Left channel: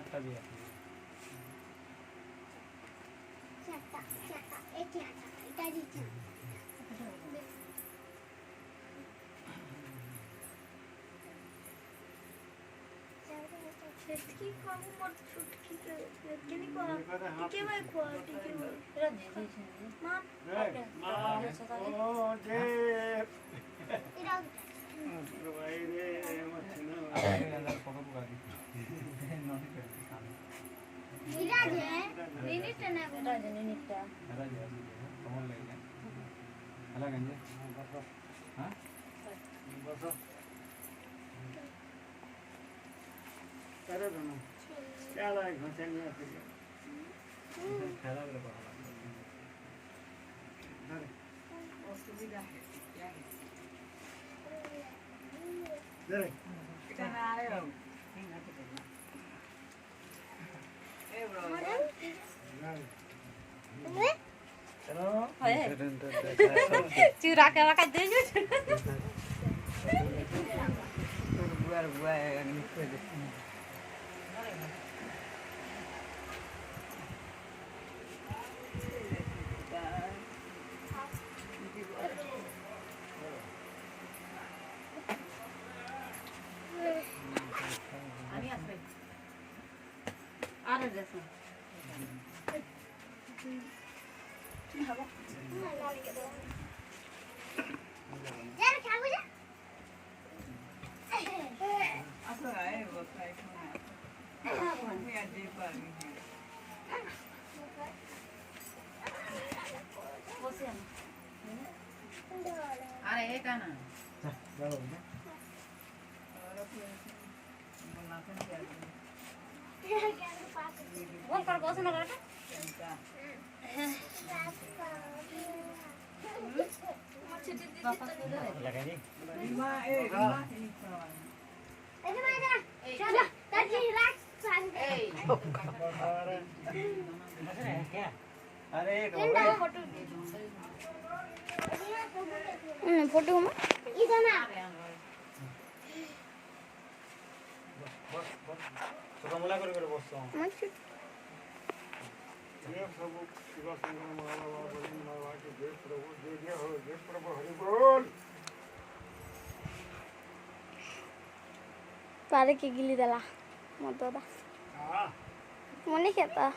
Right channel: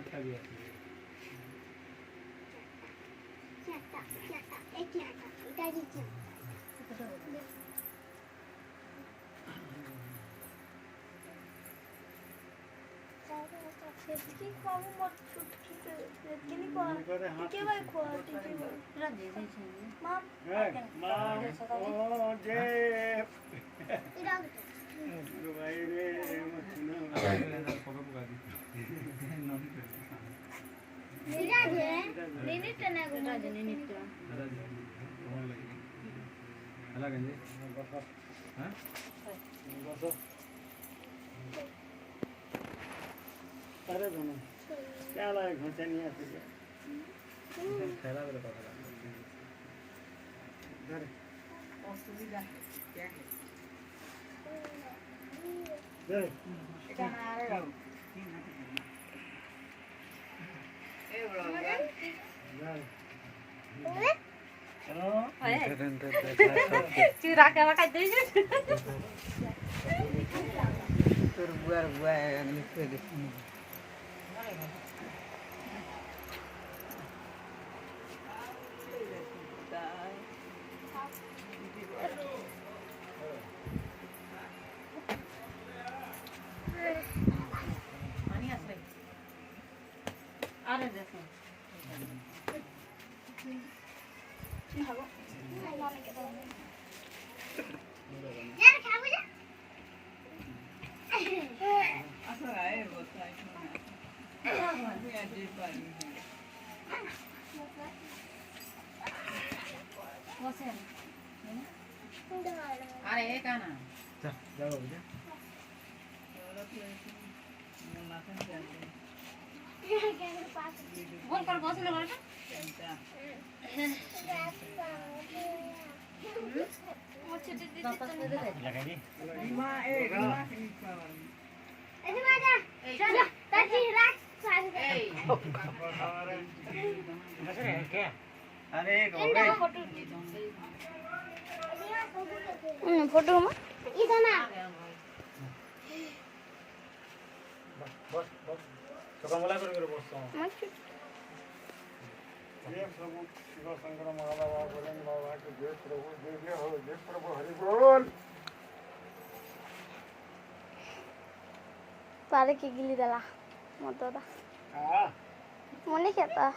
চারটা বিয়ে चूरा के रखा दे আরে দেখো আরে এটা না যাও বল করে বসে না বলটা লাগাই রিমা এ রিমা এই মা যা চলো তাকি রাখ এই अरे फोटो में इधर ना बस बस तो कमला कर बसतो ये प्रभु शिव शंकर महाबाबा बोले बाबा के जय प्रभु जय हो जय प्रभु हरि बोल पारे के गिली दला मत दा हां मने कहता